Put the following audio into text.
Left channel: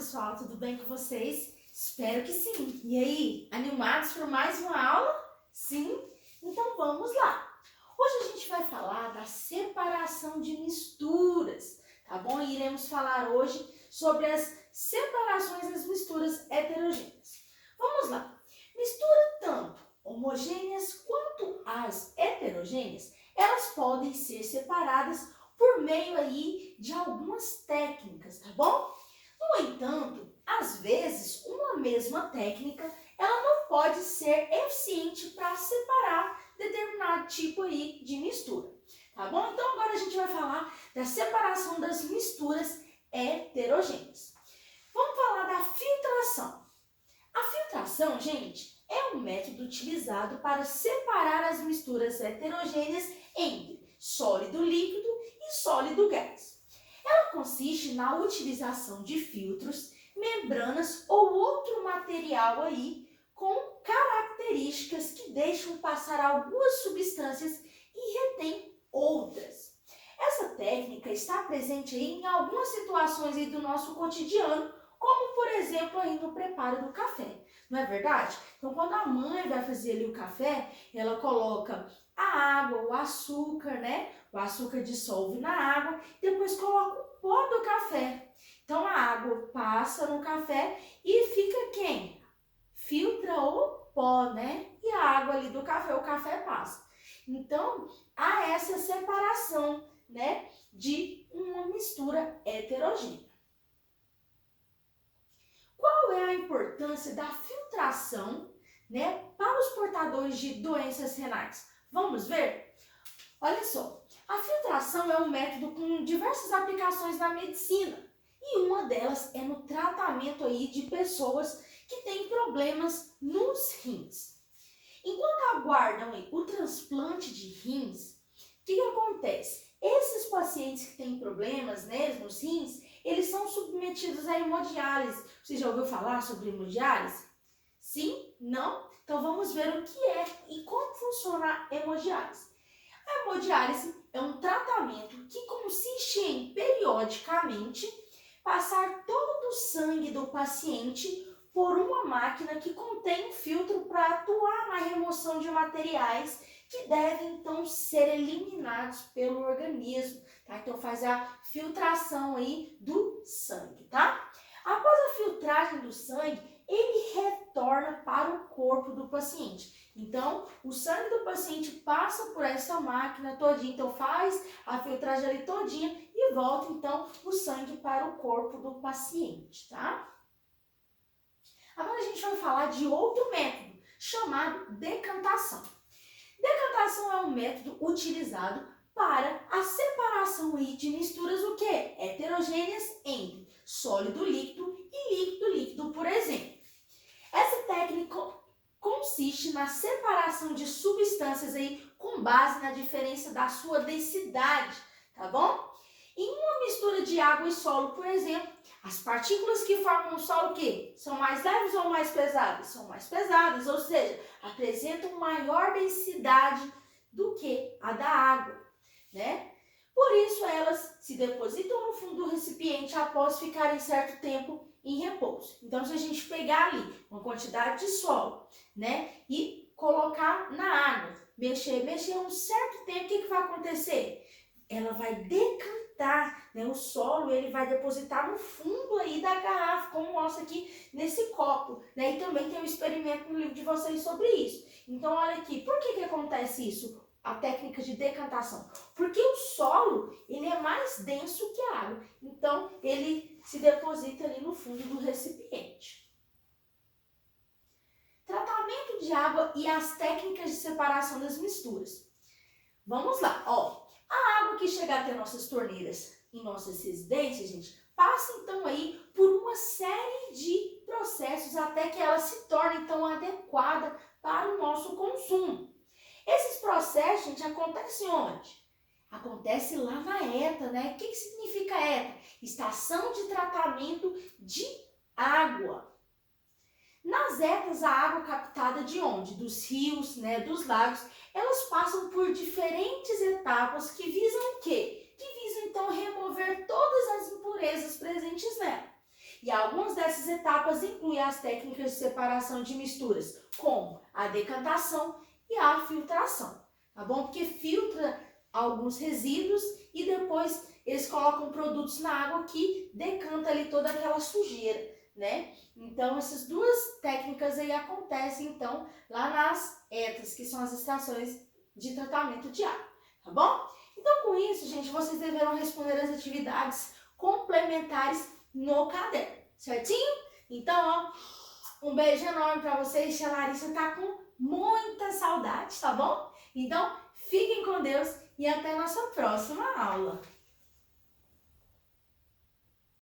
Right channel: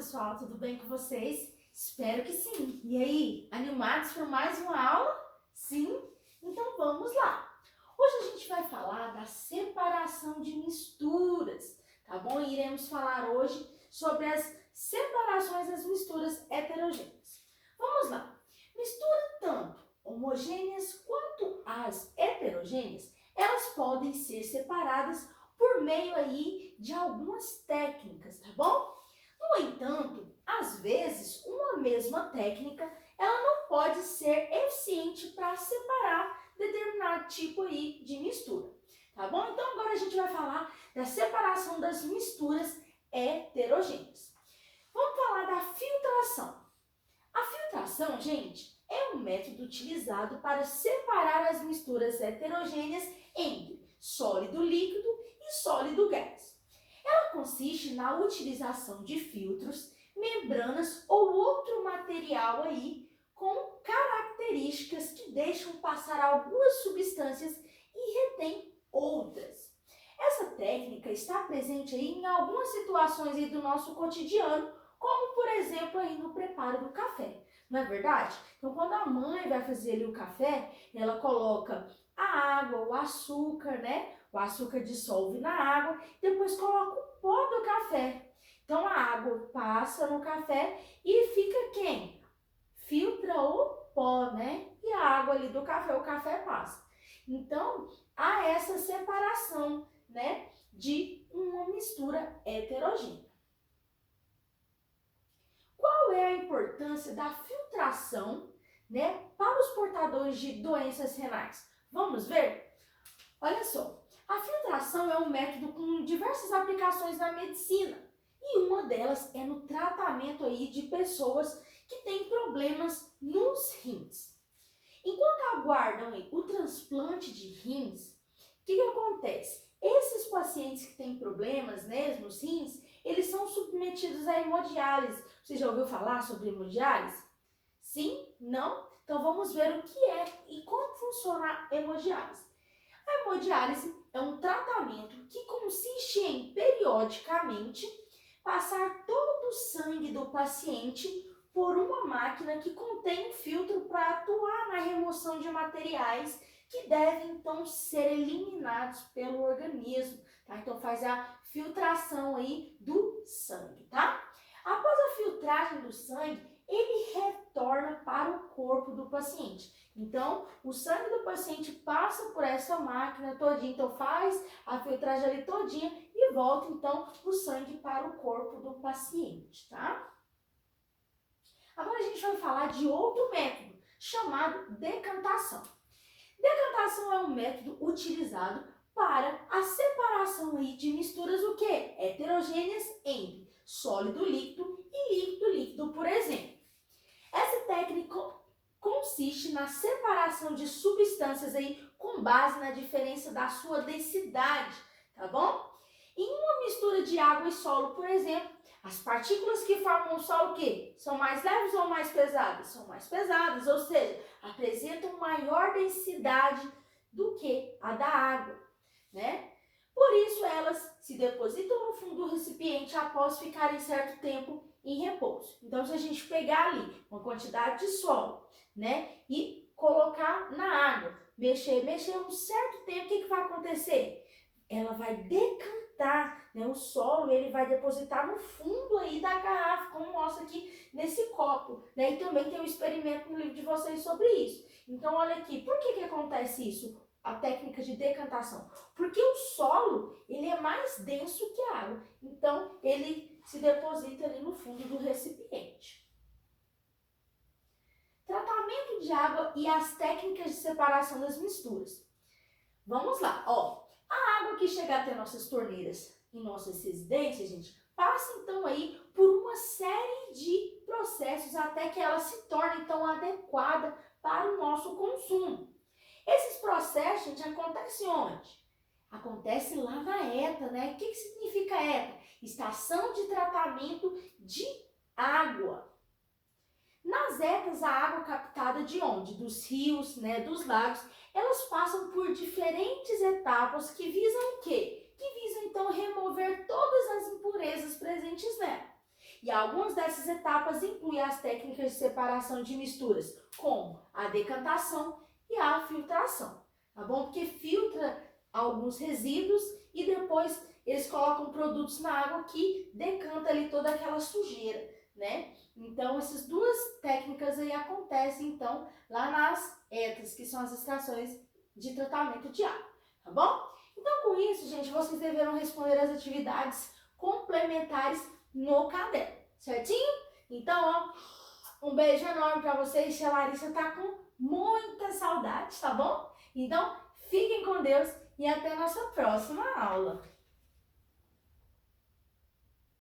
pessoal, tudo bem com vocês? Espero que sim. E aí, animados por mais uma aula? Sim? Então vamos lá. Hoje a gente vai falar da separação de misturas, tá bom? Iremos falar hoje sobre as separações das misturas heterogêneas. Vamos lá. Mistura tanto homogêneas quanto as heterogêneas, elas podem ser separadas por meio aí de algumas técnicas, tá bom? No entanto, às vezes, uma mesma técnica, ela não pode ser eficiente para separar determinado tipo aí de mistura, tá bom? Então agora a gente vai falar da separação das misturas heterogêneas. Vamos falar da filtração. A filtração, gente, é um método utilizado para separar as misturas heterogêneas entre sólido líquido e sólido gás. Ela consiste na utilização de filtros, membranas ou outro material aí com características que deixam passar algumas substâncias e retém outras. Essa técnica está presente aí em algumas situações aí do nosso cotidiano, como por exemplo aí no preparo do café, não é verdade? Então quando a mãe vai fazer ali o café, ela coloca a água, o açúcar, né? O açúcar dissolve na água, depois coloca o pó do café. Então a água passa no café e fica quem? Filtra o pó, né? E a água ali do café, o café passa. Então há essa separação, né? De uma mistura heterogênea. Qual é a importância da filtração, né? Para os portadores de doenças renais? Vamos ver? Olha só. A filtração é um método com diversas aplicações na medicina e uma delas é no tratamento aí de pessoas que têm problemas nos rins. Enquanto aguardam aí o transplante de rins, o que acontece? Esses pacientes que têm problemas, né, nos rins, eles são submetidos à hemodiálise. Você já ouviu falar sobre hemodiálise? Sim? Não? Então vamos ver o que é e como funciona a hemodiálise. A hemodiálise é um tratamento que consiste em, periodicamente, passar todo o sangue do paciente por uma máquina que contém um filtro para atuar na remoção de materiais que devem, então, ser eliminados pelo organismo, tá? Então, faz a filtração aí do sangue, tá? Após a filtragem do sangue, ele retorna para o corpo do paciente. Então, o sangue do paciente passa por essa máquina todinha, então faz a filtragem ali todinha e volta, então, o sangue para o corpo do paciente, tá? Agora a gente vai falar de outro método, chamado decantação. Decantação é um método utilizado para a separação aí de misturas o quê? Heterogêneas entre sólido líquido e líquido líquido, por exemplo. Essa técnica consiste na separação de substâncias aí com base na diferença da sua densidade, tá bom? Em uma mistura de água e solo, por exemplo, as partículas que formam o solo, o quê? São mais leves ou mais pesadas? São mais pesadas, ou seja, apresentam maior densidade do que a da água, né? Por isso elas se depositam no fundo do recipiente após ficarem certo tempo em repouso. Então, se a gente pegar ali uma quantidade de solo, né, e colocar na água, mexer um certo tempo, o que vai acontecer? Ela vai decantar, né, o solo, ele vai depositar no fundo aí da garrafa, como mostra aqui nesse copo, né, e também tem um experimento no livro de vocês sobre isso. Então, olha aqui, por que acontece isso? A técnica de decantação, porque o solo, ele é mais denso que a água, então ele se deposita ali no fundo do recipiente. Tratamento de água e as técnicas de separação das misturas. Vamos lá, ó, a água que chega até nossas torneiras em nossas residências, gente, passa então aí por uma série de processos até que ela se torne então adequada para o nosso consumo. Esses processos, gente, acontecem onde? Acontece lá na ETA, né? O que significa ETA? Estação de Tratamento de Água. Nas ETAs, a água captada de onde? Dos rios, né? Dos lagos, elas passam por diferentes etapas que visam o quê? Que visam, então, remover todas as impurezas presentes nela. E algumas dessas etapas incluem as técnicas de separação de misturas, como a decantação e a filtração, tá bom? Porque filtra alguns resíduos e depois eles colocam produtos na água que decanta ali toda aquela sujeira, né? Então, essas duas técnicas aí acontecem, então, lá nas ETAs, que são as estações de tratamento de água, tá bom? Então, com isso, gente, vocês deverão responder as atividades complementares no caderno, certinho? Então, ó, um beijo enorme pra vocês. Tia Larissa tá com muita saudade, tá bom? Então, fiquem com Deus e até a nossa próxima aula.